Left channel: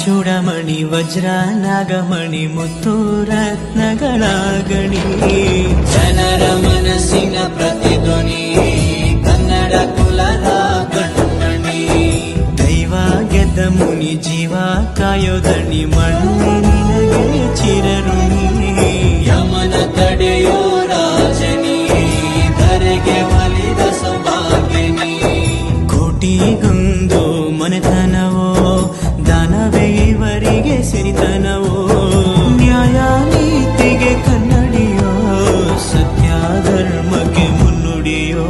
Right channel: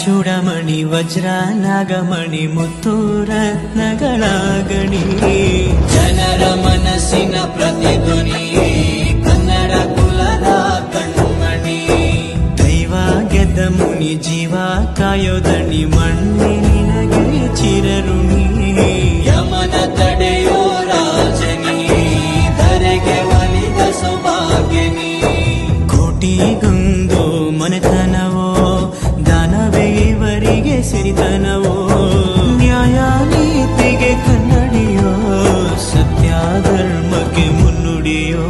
ಚೂಡಮಣಿ ವಜ್ರ ನಾಗಮಣಿ ಮುತ್ತು ರತ್ನಗಳ ಗಣಿ ಜನರ ಮನಸ್ಸಿನ ಪ್ರತಿಧ್ವನಿ ಕನ್ನಡ ಕುಲದ ಕಣ್ಮಣಿ ದೈವ ಗೆದ್ದ ಮುನಿ ಜೀವ ಕಾಯೋದಣಿ ಮಣ್ಣಿ ನಿನಗೆ ಚಿರಋಣಿ ಯಮನ ತಡೆಯೋ ರಾಜನಿ ಧರೆಗೆ ಒಲಿದ ಸೌಭಾಗ್ಯನಿ ಕೋಟಿಗೊಂದು ಮನೆತನವೋ ದಾನವೇ ಇವರಿಗೆ ಸಿರಿತನವೋ ನ್ಯಾಯ ನೀತಿಗೆ ಕನ್ನಡಿಯೋ ಸತ್ಯ ಧರ್ಮಕ್ಕೆ ಮುನ್ನುಡಿಯೋ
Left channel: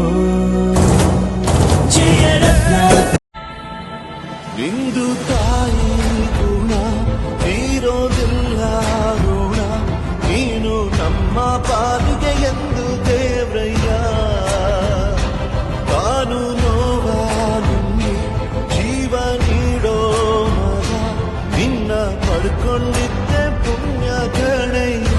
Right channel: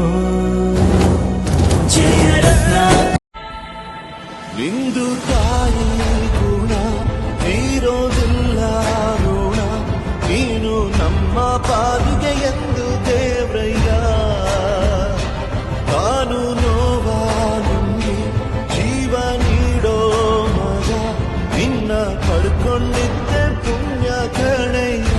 ಜಯರತ್ನ ನಿಂದು ತಾಯಿ ಗುಣ ತೀರೋದಿಲ್ಲ ಋಣ ನೀನು ನಮ್ಮ ಪಾಲಿಗೆ ಎಂದು ದೇವ್ರಯ್ಯ ತಾನು ನೋವಾ ನುಂಗಿ ಜೀವ ನೀಡೋ ಮಗ ನಿನ್ನ ಪಡ್ಕೊಂಡಿದ್ದೆ ಪುಣ್ಯ ಗಣಯ್ಯ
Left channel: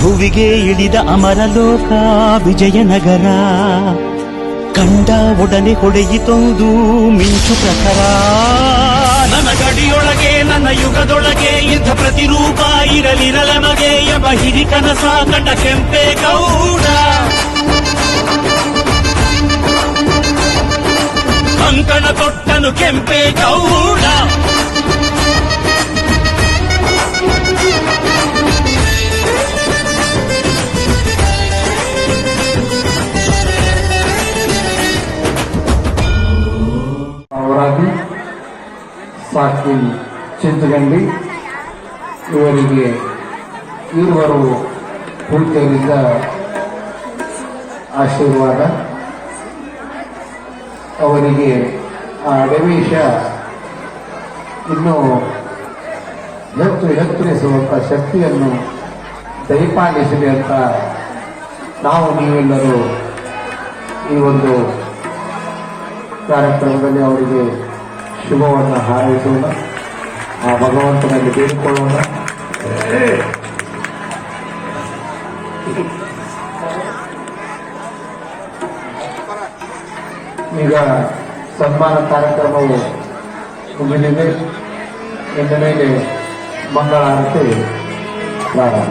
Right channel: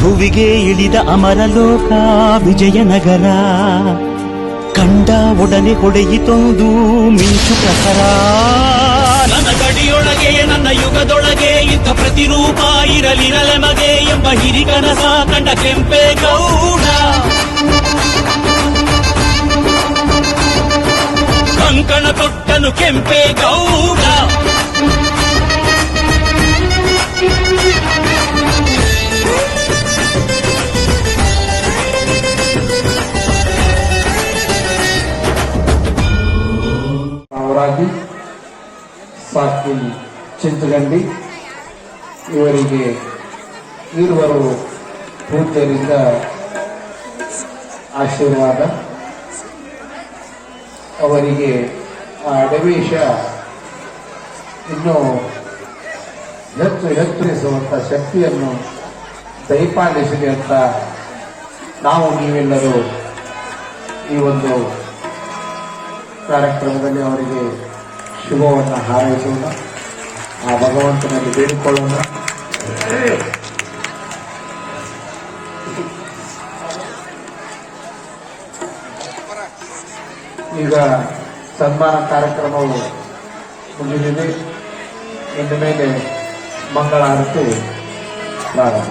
ಭುವಿಗೆ ಇಳಿದ ಅಮರಲೋಕ ವಿಜಯನಗರ ಕಂಡ ಒಡನೆ ಹೊಡೆಯಿತೊಂದು ಮಿಂಚು ಪ್ರಖರ ನನ್ನ ಗಡಿಯೊಳಗೆ ನನ್ನ ಯುಗದೊಳಗೆ ಇಂಥ ಪ್ರತಿರೂಪ ಇರಲಿರಲೆಮಗೆ ಎಂಬ ಹಿರಿಕನಸ ಕಂಡ ಕೆಂಪೇಗೌಡ ಕಂಕಣ ತೊಟ್ಟನು ಕೆಂಪೇಗೌಡ ಅವರಾಗಿ ಸಾಕಿ ಚಿಂತಗಂಡಿ ಇವರಿಗೆ ಇರುವರು ಪೂಜ್ಯರಿಂದ ಆಶೀರ್ವಾದ ಅವರಿಗೆ ಆ ಅಡವೇಶ ಇನ್ನೂ ಎತ್ತರಿಸುವಂಥ ಶಕ್ತಿಯನ್ನು ದಯಪಾಲಿಸಲಿ ಅಂತ ನಾವು ನೀವೆಲ್ಲರೂ ಈ ಒಂದು ಕಾರ್ಯಕ್ರಮದಲ್ಲಿ ಅವರಿಗೆ ಶುಭವನ್ನು ಹಾರೈಸೋಣ, ಆ ಭಗವಂತನಲ್ಲಿ ಬೇಡಿಕೊಳ್ಳೋಣ. ಈಗ ಸನ್ಮಾನ ಕಾರ್ಯಕ್ರಮವು ಮುಗಿದಿದೆ. ಇನ್ನು ಮೇಲೆ ಮಂಗಳಾರತಿ ಪ್ರಾರಂಭ.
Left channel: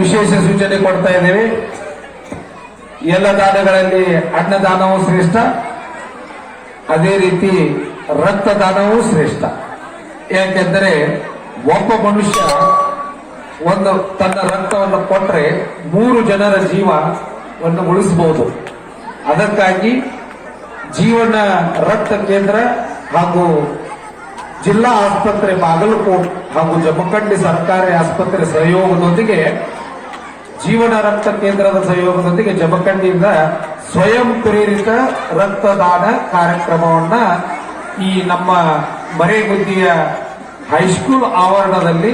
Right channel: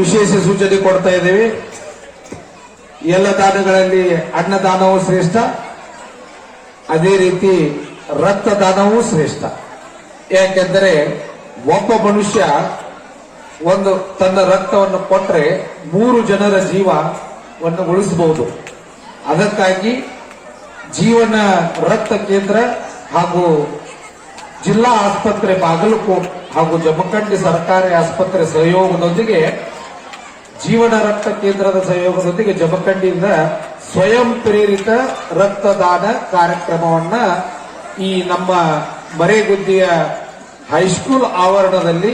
ವಿಶೇಷ ಸೂಚನೆ ಕೊಡ್ತಾ ಇದ್ದೇವೆ. ಎಲ್ಲ ದಾನಗಳಲ್ಲಿ ಅನ್ನದಾನವೂ ಶ್ರೇಷ್ಠ, ಅದೇ ರೀತಿ ರಕ್ತದಾನವೂ ಶ್ರೇಷ್ಠ. ಯಾಕೆಂದರೆ ಒಬ್ಬ ಮನುಷ್ಯ ಒಂದು ತನ್ನ ರಕ್ತವನ್ನು ಕೊಟ್ಟರೆ 3 ಜನರ ಜೀವವನ್ನು ಉಳಿಸಬಹುದು. ಅದಕ್ಕಾಗಿ ಜೀವನ ರಕ್ತ ಕೇಂದ್ರ ಹಾಗೂ ಜಿಲ್ಲಾ ಆಸ್ಪತ್ರೆ ಬಾಗಲಕೋಟ್ ಹಾಗೂ ಜಮಖಂಡಿ ಸರ್ಕಾರಿ ಆಸ್ಪತ್ರೆ ಸಹಯೋಗದೊಂದಿಗೆ ಜೀವನ ರಕ್ತ ಕೇಂದ್ರದ ಸಹಯೋಗದೊಂದಿಗೆ ಜಮಖಂಡಿಯಿಂದ ಸ್ವಯಂ ಪ್ರೇರಿತ ರಕ್ತದಾನ ಕಾರ್ಯಕ್ರಮವನ್ನ ಈ ನಮ್ಮ ಮರೇಗುದ್ದಿಯ ಹೈಸ್ಕೂಲ್ ಆವರಣದಲ್ಲಿ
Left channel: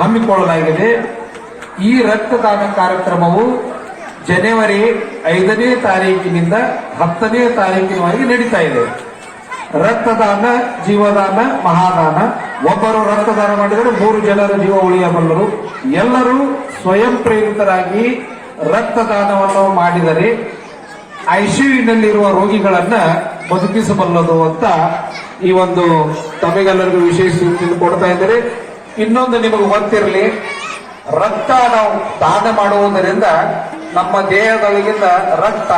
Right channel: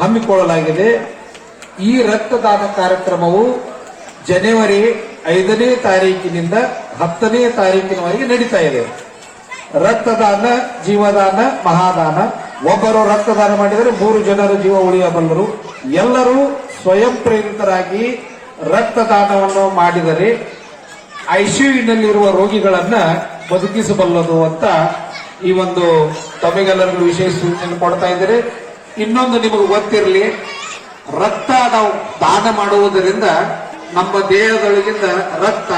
ಹಮ್ಮಿಕೊಳ್ಳಲಾಗಿದೆ. ಈ ರಕ್ತದಾನ ಕಾರ್ಯಕ್ರಮವು ಜನವರಿ 5ನೇ ತಾರೀಕಿನಿಂದ 10ನೇ ತಾರೀಕಿನವರೆಗೆ ನಡೀತಾ ಇದೆ. ರಕ್ತದಾನ ಜೀವದಾನ ಮಹಾದಾನ. ಒಬ್ಬರು ರಕ್ತದಾನ ಮಾಡಿದರೆ 3 ಜನರ ಜೀವ ಉಳಿಯಬಲ್ಲರು. ಎಲ್ಲರೂ ಸ್ವಯಂ ಪ್ರೇರಿತರಾಗಿ ರಕ್ತದಾನವನ್ನು ಮಾಡಿದರೆ ಐಸಿಯುನಲ್ಲಿರುವ ರೋಗಿಗಳನ್ನ ಬದುಕಿಸಬಲ್ಲದು ಅಂತ ಈ ಒಂದು ತಮಗೆಲ್ಲರಿಗೂ ವಿಶೇಷ ಸೂಚನೆ ಕೊಡ್ತಾ ಇದ್ದಾರೆ. ಇನ್ನೊಂದು ನಿಮಗೆ ಗೊತ್ತಿರಲಿ, ರಕ್ತ ನಾವು ದಾನ ಮಾಡುವುದರಿಂದ ನಮ್ಮ ದೇಹದೊಳಗಿಂದ ರಕ್ತ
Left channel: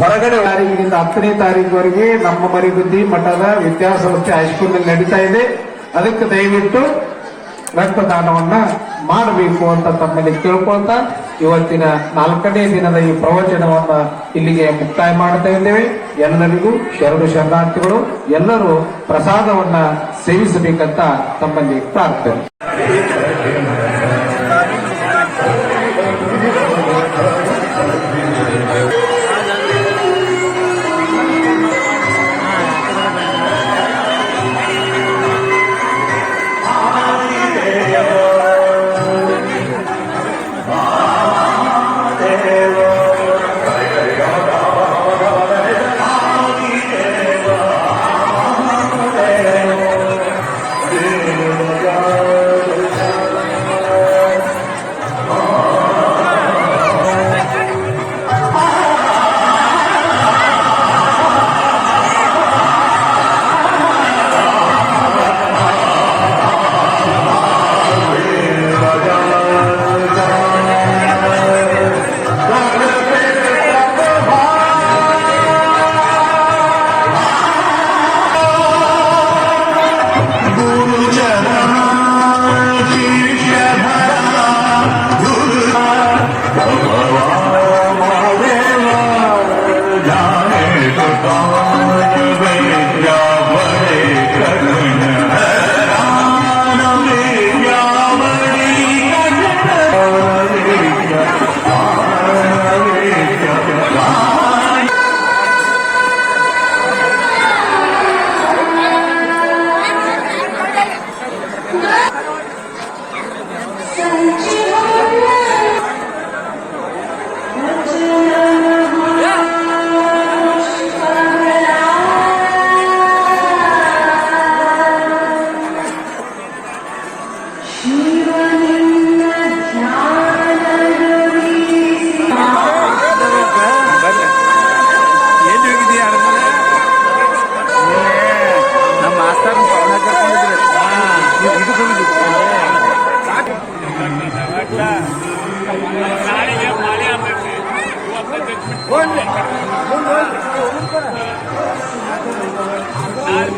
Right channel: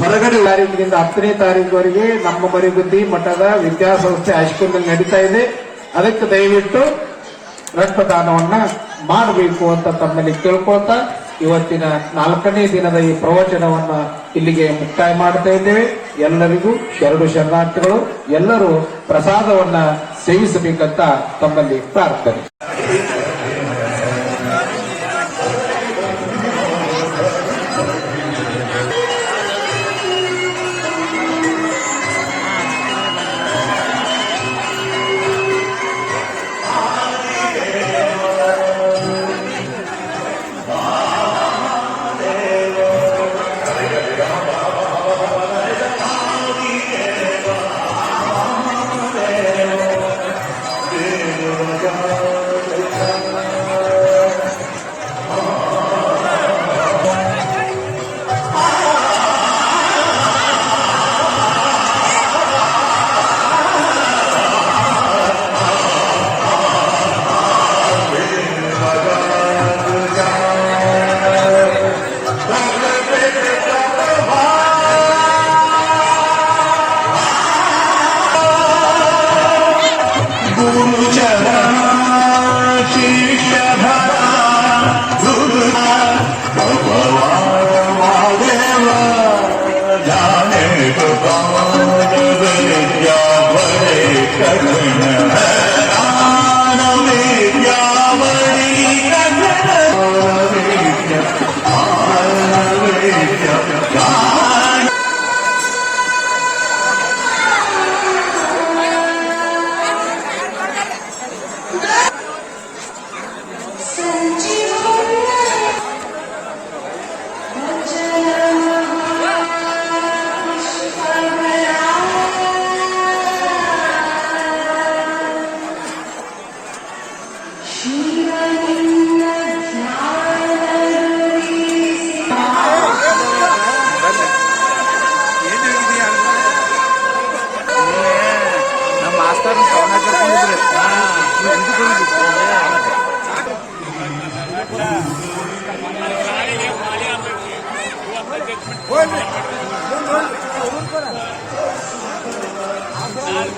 ಹೊರಗಡೆ ತಾರೀಕಿನಿಂದ 10ನೇ ತಾರೀಕುವರೆಗೆ ನಮ್ಮ ಮರಿಗುದ್ದಿ ಮಠದ ವಿದ್ಯಾಸಂಸ್ಥೆ ಹೈಸ್ಕೂಲ್ನಲ್ಲಿ ನಡೀತಾ ಇದೆ. ಅದಕ್ಕೆ ದಯವಿಟ್ಟು ರಕ್ತದಾನವನ್ನ ಮಾಡಬೇಕು ಅಂತ ತಮ್ಮಲ್ಲಿ ಕೇಳ್ಕೊಳ್ತಾ ಇವತ್ತಿನ 4ನೇ ದಿನದ ಈ ಪ್ರವಚನವನ್ನ ಇಲ್ಲಿಗೆ ಮುಕ್ತಾಯ ಮಾಡ್ತಾ ಇದ್ದೇವೆ. ಎಲ್ಲರಿಗೂ ಶರಣಾರ್ಥಿಗಳು. ಎಲ್ಲರೂ ಪ್ರಸಾದವನ್ನ ಸೇವಿಸಬೇಕಂತ ತಮ್ಮಲ್ಲಿ ಪ್ರಾರ್ಥನೆ. ನಮ್ಮ ಮಾಸ್ತರ್ ಕವನ ಕರ್ಕೊಂಡಿದ್ರೆ ನಾಳೆಗೆ ಮಾಲೆ ಆಗ್ತೈತಿ ನಾಳೆ